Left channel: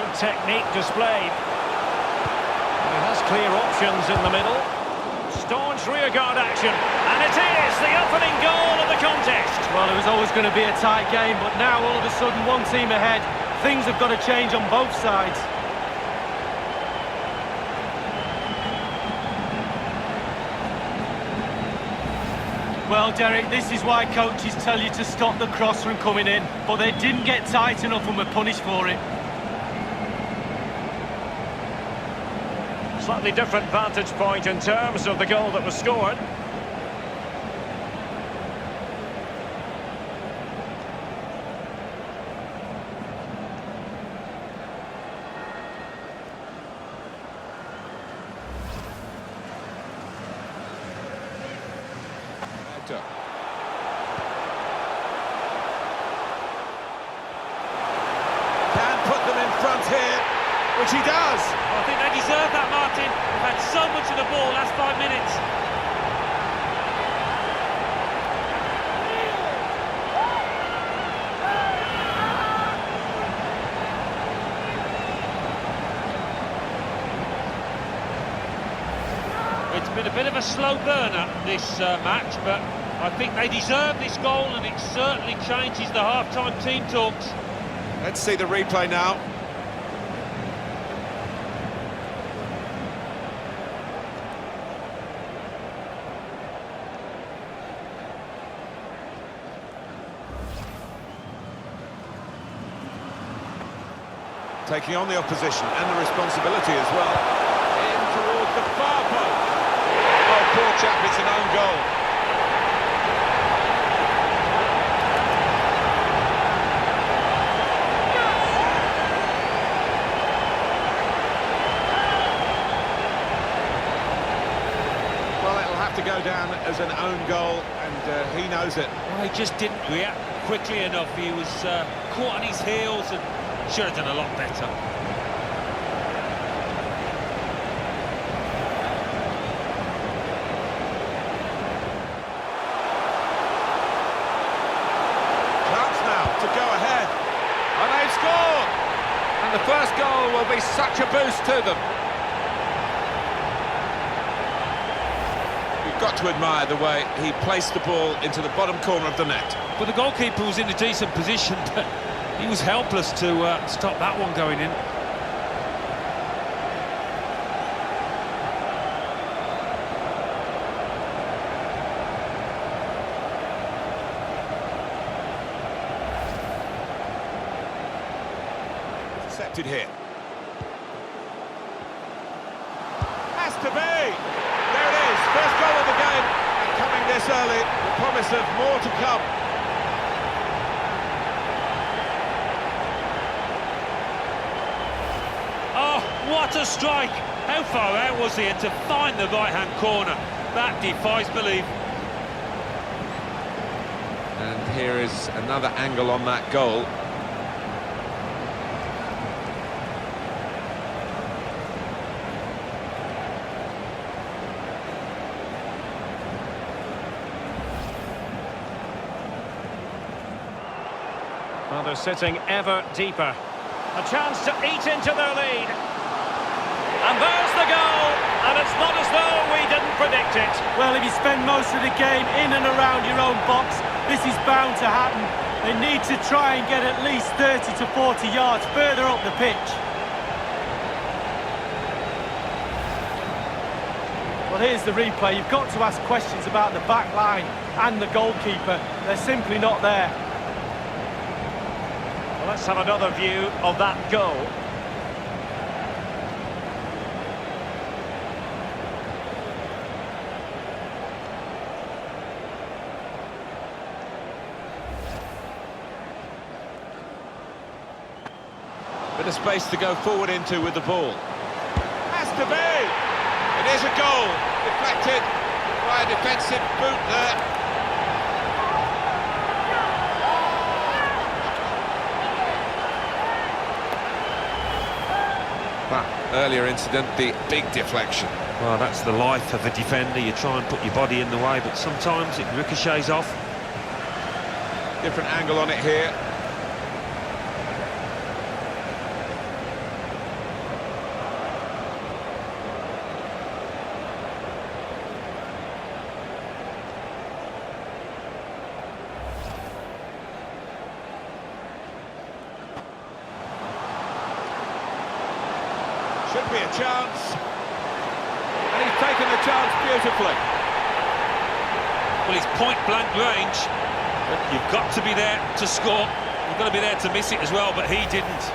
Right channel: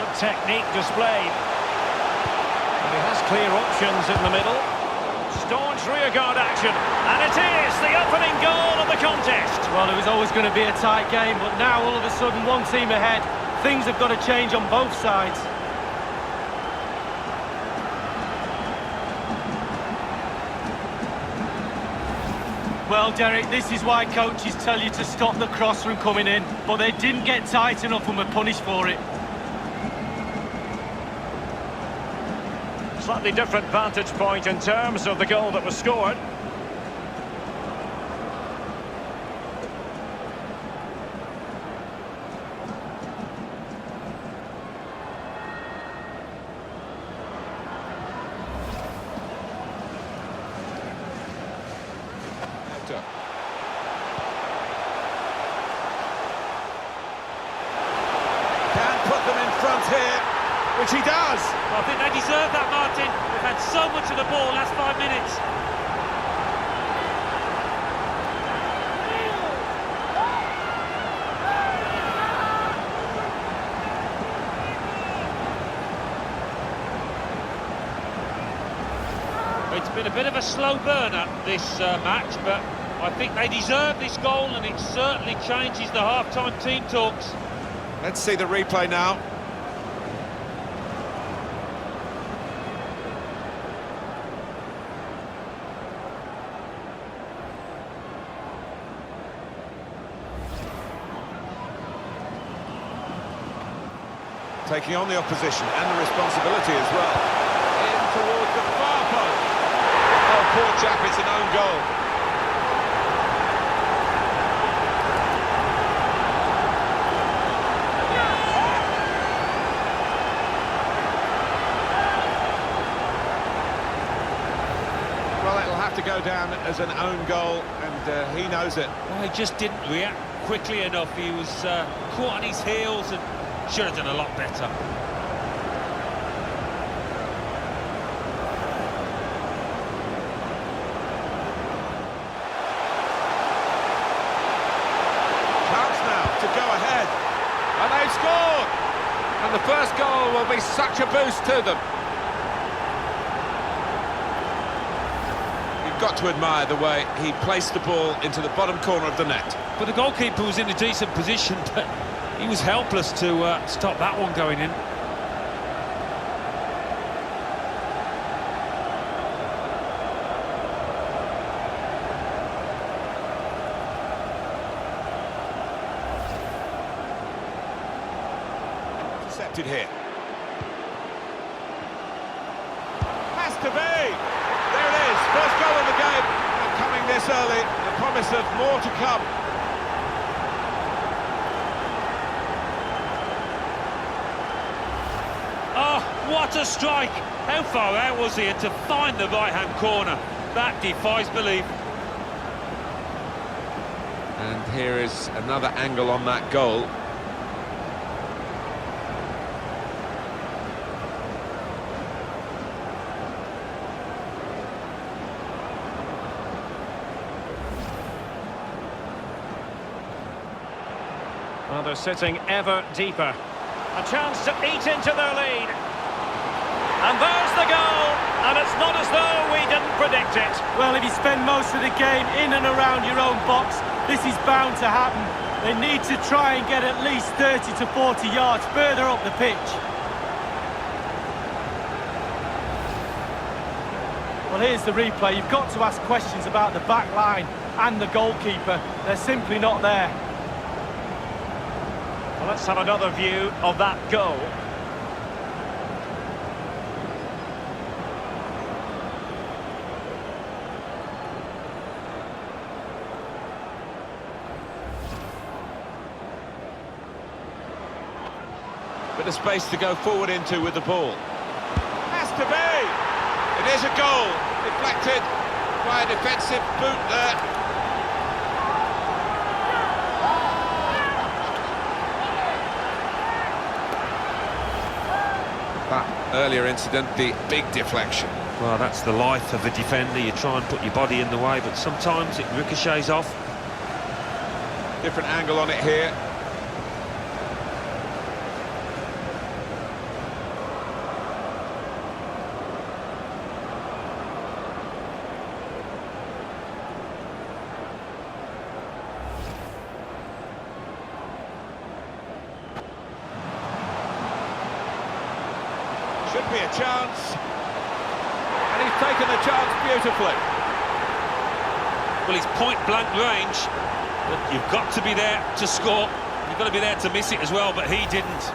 Good technique displayed. And he has clear options in the middle. Staunch rearguard action, and it is the opening goal of the contest. Well, it was always going to be a tight game, but now all of a sudden one team ahead. Things have got to change on both sides. Well, Derek, this is why coaches tell you to stop the cross from coming in, but they didn't get tight enough and were punished for it. Slightly different vantage point in terms of the goal that was scored. Can put them in front here, which he does. Well, I think they deserve that, Martin. They've had so much of the ball last 5 minutes. It's been a bit of a slow burner, this match, but I think they deserve this goal, and it certainly changes the half-time team talks. Let's see the replay now. Taking on the opposition and the responsibility as well. In towards the far post. Oh, poor chap, it's an own goal. Well, it'll have to go down as an own goal, and he knows it. Well, he just didn't react quickly enough. He was caught on his heels and should have done a lot better. Chance now to go ahead. And they've scored! And the first goal will be such a boost to them. You've got to admire the way he placed the ball into the bottom corner of the net. But the goalkeeper was in a decent position, but he was helpless to stop that one going in. Intercepted here. Has to be! There it is, first goal of the game, and coming this early, the promise of more to come. Oh, what a strike! How far out was he? And to find the right-hand corner, that defies belief. And here is another angle on that goal. Well, they're sitting ever deeper. A chance to eat into their lead. And there's the goal, and it's not as though we didn't predict it. Well, if you spend most of the game in and around your own box, this is bound to happen. They need to try and get at least 30 to 40 yards further up the pitch. Well, here's the replay. You've got to ask questions about the back line and the goalkeeper. They're simply not there. Well, let's have another view of that goal. Bit of space to go forward into with the ball. Has to be! It is a goal. Deflected by a defensive boot there. That earlier incident, the big deflection. Well, that's the life of a defender. You try and put your body in the way, but sometimes it ricochets off. Different angle on it here. Should be a chance. And he's taken the chance beautifully. Well, he's point-blank range, but you've got to be there to score. You've got to be there to miss it as well, but he didn't.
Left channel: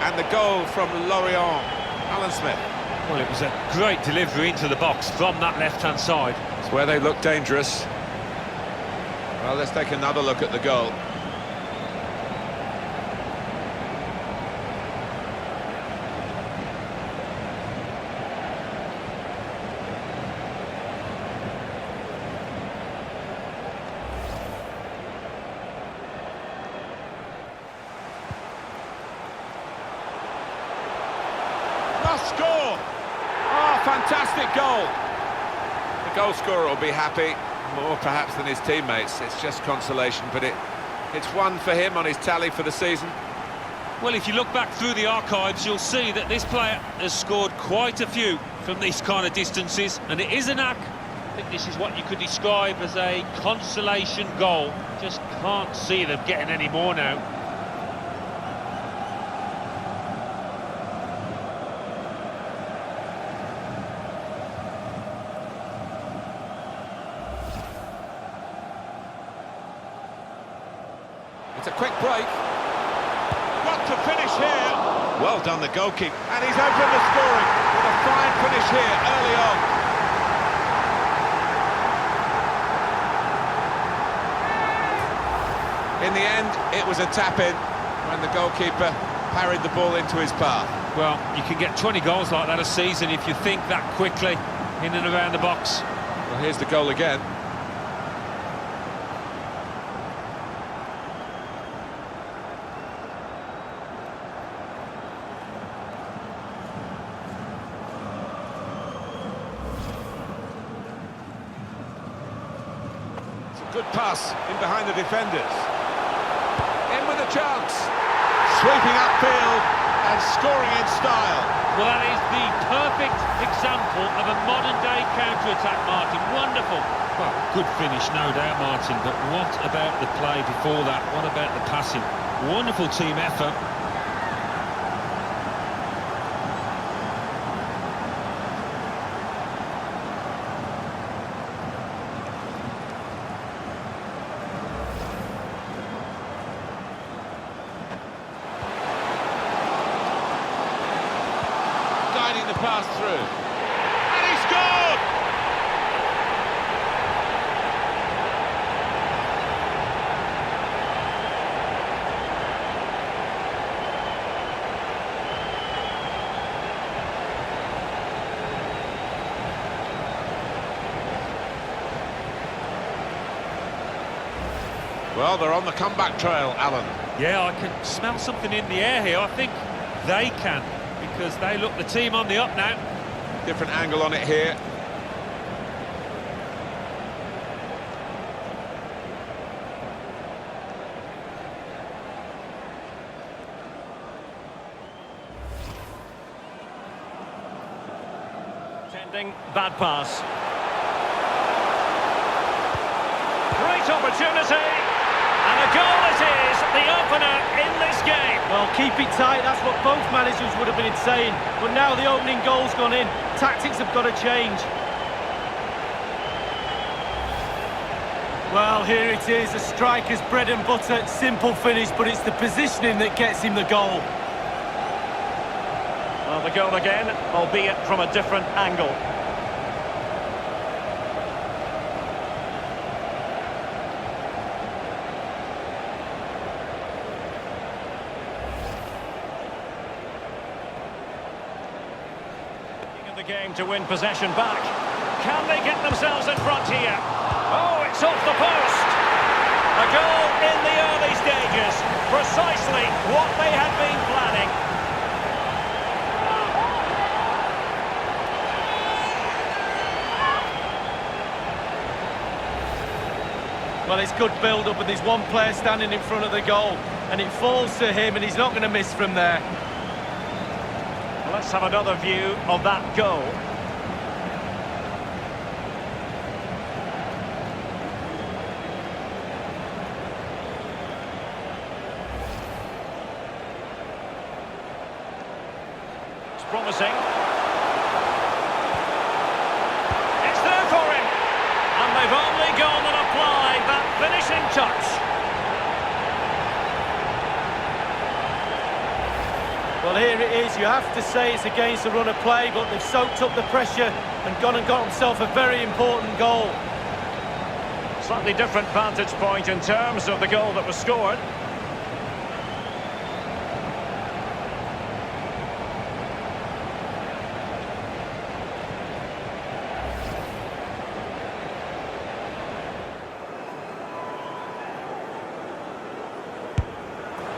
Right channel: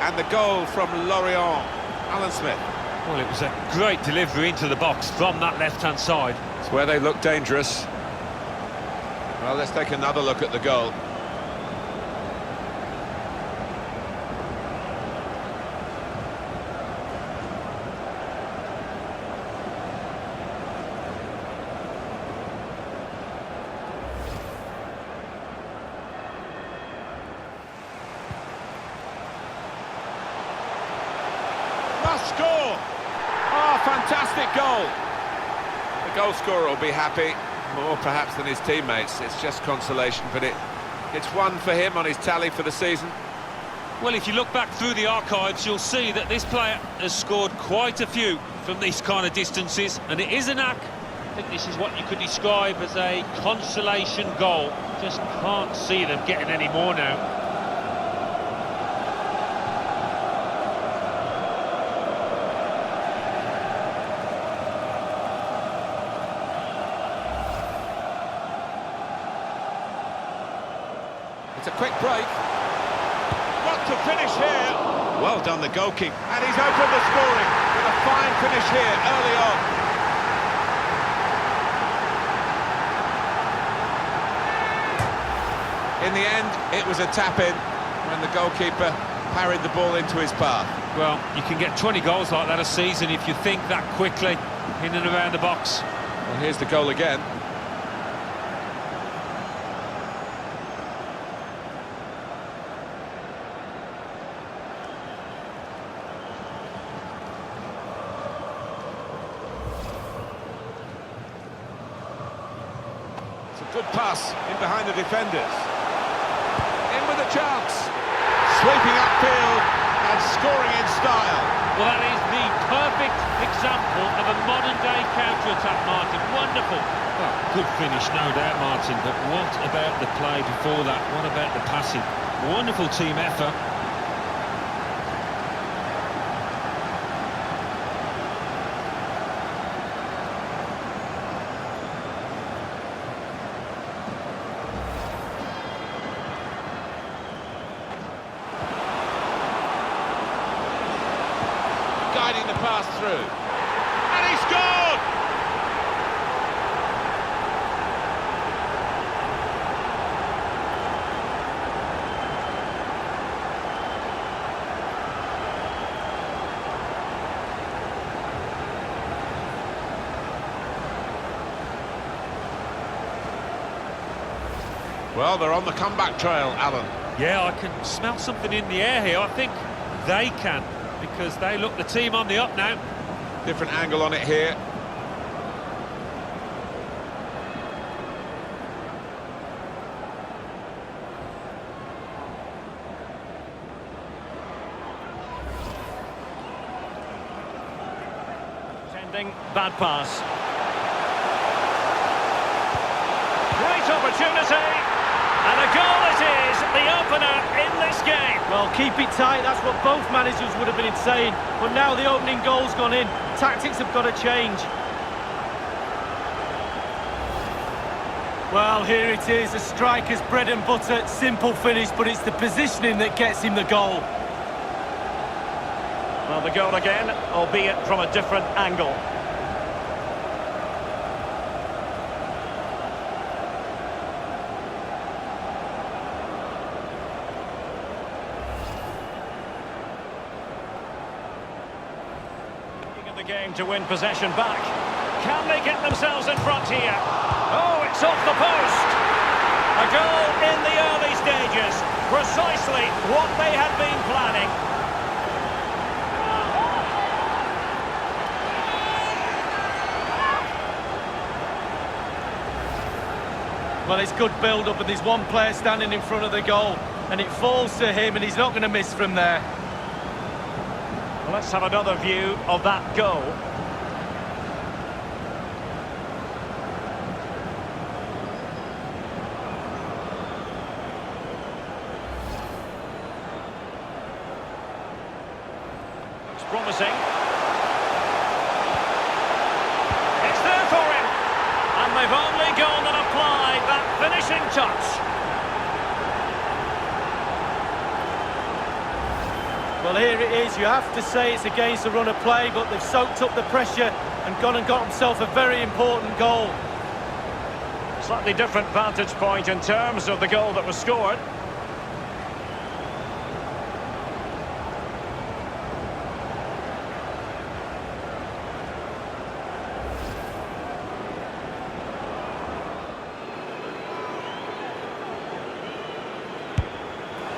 And the goal from Lorient, Alan Smith. Well, it was a great delivery into the box from that left-hand side. It's where they look dangerous. Well, let's take another look at the goal. Must score! Oh, fantastic goal! The goal scorer will be happy, more perhaps than his teammates. It's just consolation, but it's one for him on his tally for the season. Well, if you look back through the archives, you'll see that this player has scored quite a few from these kind of distances, and it is a knack. I think this is what you could describe as a consolation goal. Just can't see them getting any more now. It's a quick break. Got to finish here. Well done, the goalkeeper. And he's opened the scoring with a fine finish here early on. In the end, it was a tap-in when the goalkeeper parried the ball into his path. Well, you can get 20 goals like that a season if you think that quickly in and around the box. Well, here's the goal again. Good pass in behind the defenders. In with a chance. Sweeping upfield and scoring in style. Well, that is the perfect example of a modern-day counter-attack, Martin. Wonderful. Well, good finish, no doubt, Martin, but what about the play before that? What about the passing? Wonderful team effort. Guiding the pass through. And he scored! Well, they're on the comeback trail, Alan. Yeah, I can smell something in the air here. I think they can, because they look the team on the up now. Different angle on it here. Sending bad pass. Great opportunity. And a goal it is, the opener in this game. Well, keep it tight, that's what both managers would have been saying. But now the opening goal's gone in. Tactics have got to change. Well, here it is, a striker's bread and butter, simple finish, but it's the positioning that gets him the goal. Well, the goal again, albeit from a different angle. The game to win possession back. Can they get themselves in front here? Oh, it's off the post. A goal in the early stages. Precisely what they had been planning. Well, it's good build-up, and there's one player standing in front of the goal, and it falls to him, and he's not going to miss from there. Well, let's have another view of that goal. Looks promising. It's there for him. And they've only gone and applied that finishing touch. Well, here it is. You have to say it's against the run of play, but they've soaked up the pressure and gone and got themselves a very important goal. Slightly different vantage point in terms of the goal that was scored.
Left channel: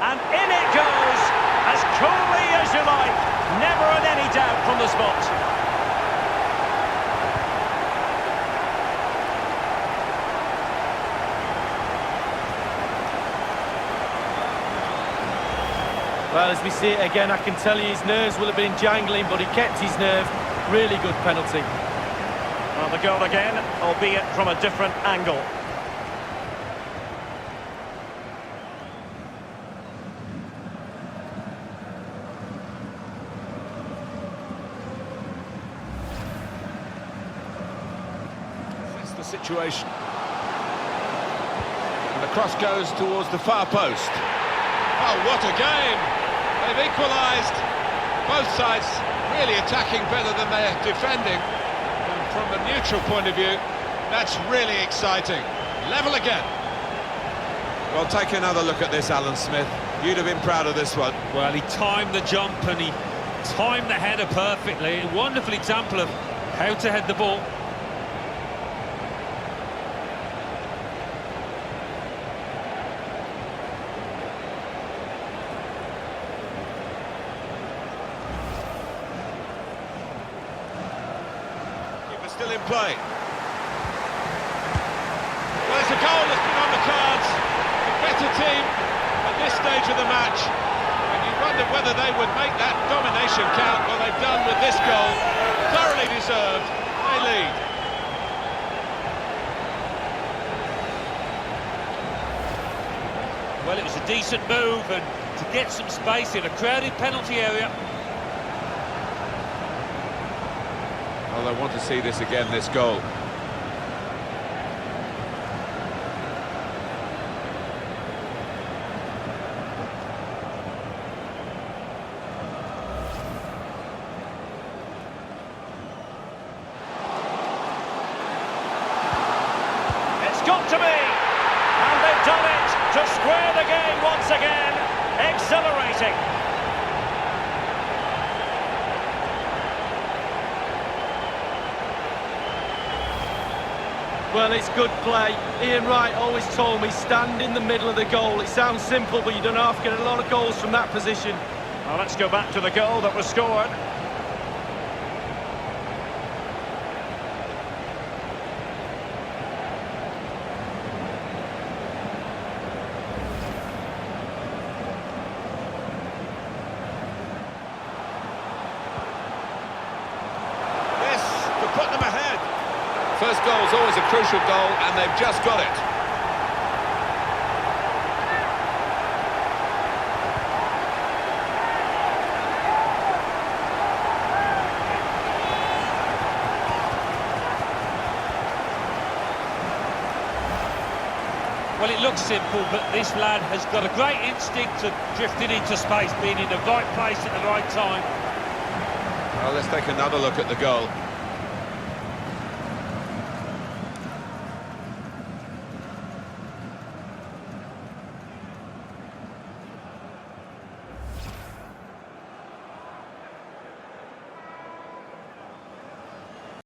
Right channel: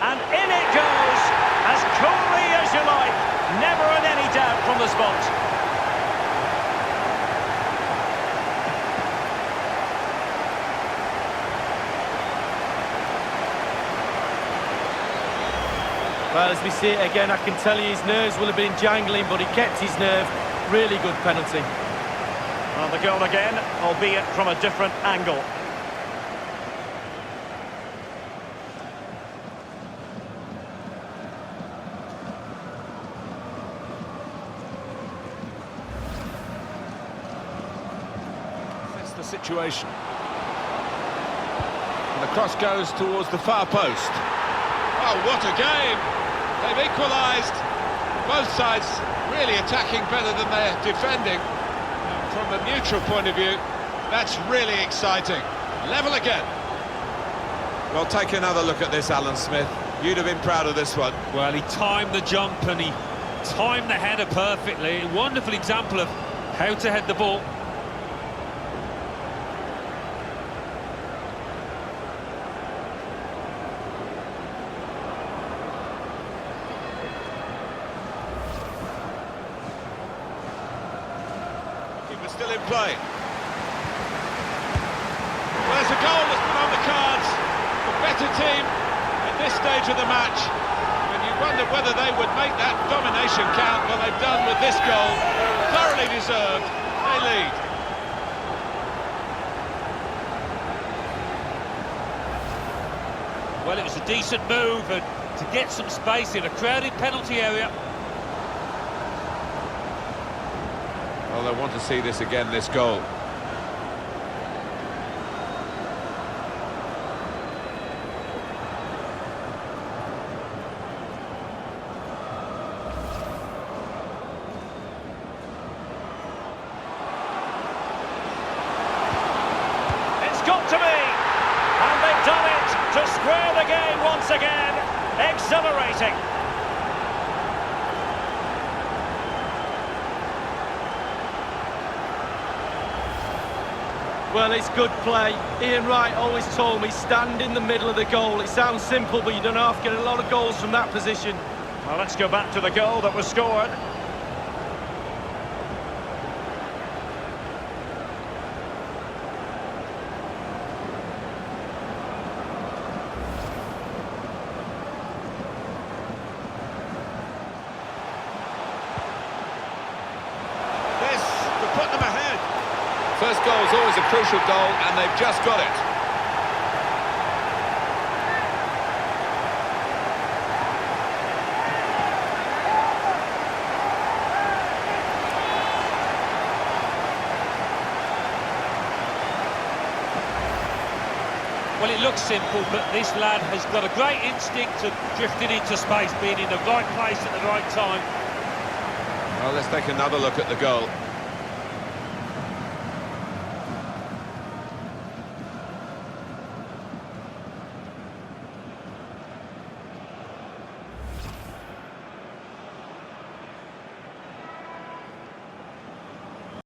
And in it goes, as coolly as you like. Never had any doubt from the spot. Well, as we see it again, I can tell you his nerves will have been jangling, but he kept his nerve. Really good penalty. Well, the goal again, albeit from a different angle. That's the situation. And the cross goes towards the far post. Oh, what a game! They've equalised. Both sides really attacking better than they're defending. And from a neutral point of view, that's really exciting. Level again. Well, take another look at this, Alan Smith. You'd have been proud of this one. Well, he timed the jump and he timed the header perfectly. A wonderful example of how to head the ball. Keeper still in play. Well, it's a goal that's been on the cards. The better team at this stage of the match. And you wonder whether they would make that domination count. Well, they've done with this goal. Thoroughly deserved. They lead. Well, it was a decent move, and to get some space in a crowded penalty area. Well, they want to see this again, this goal. It's got to be! And they've done it to square the game once again. Exhilarating. Well, it's good play. Ian Wright always told me, stand in the middle of the goal. It sounds simple, but you don't have to get a lot of goals from that position. Well, let's go back to the goal that was scored. This to put them ahead. First goal is always a crucial goal, and they've just got it. Well, it looks simple, but this lad has got a great instinct of drifting into space, being in the right place at the right time. Well, let's take another look at the goal.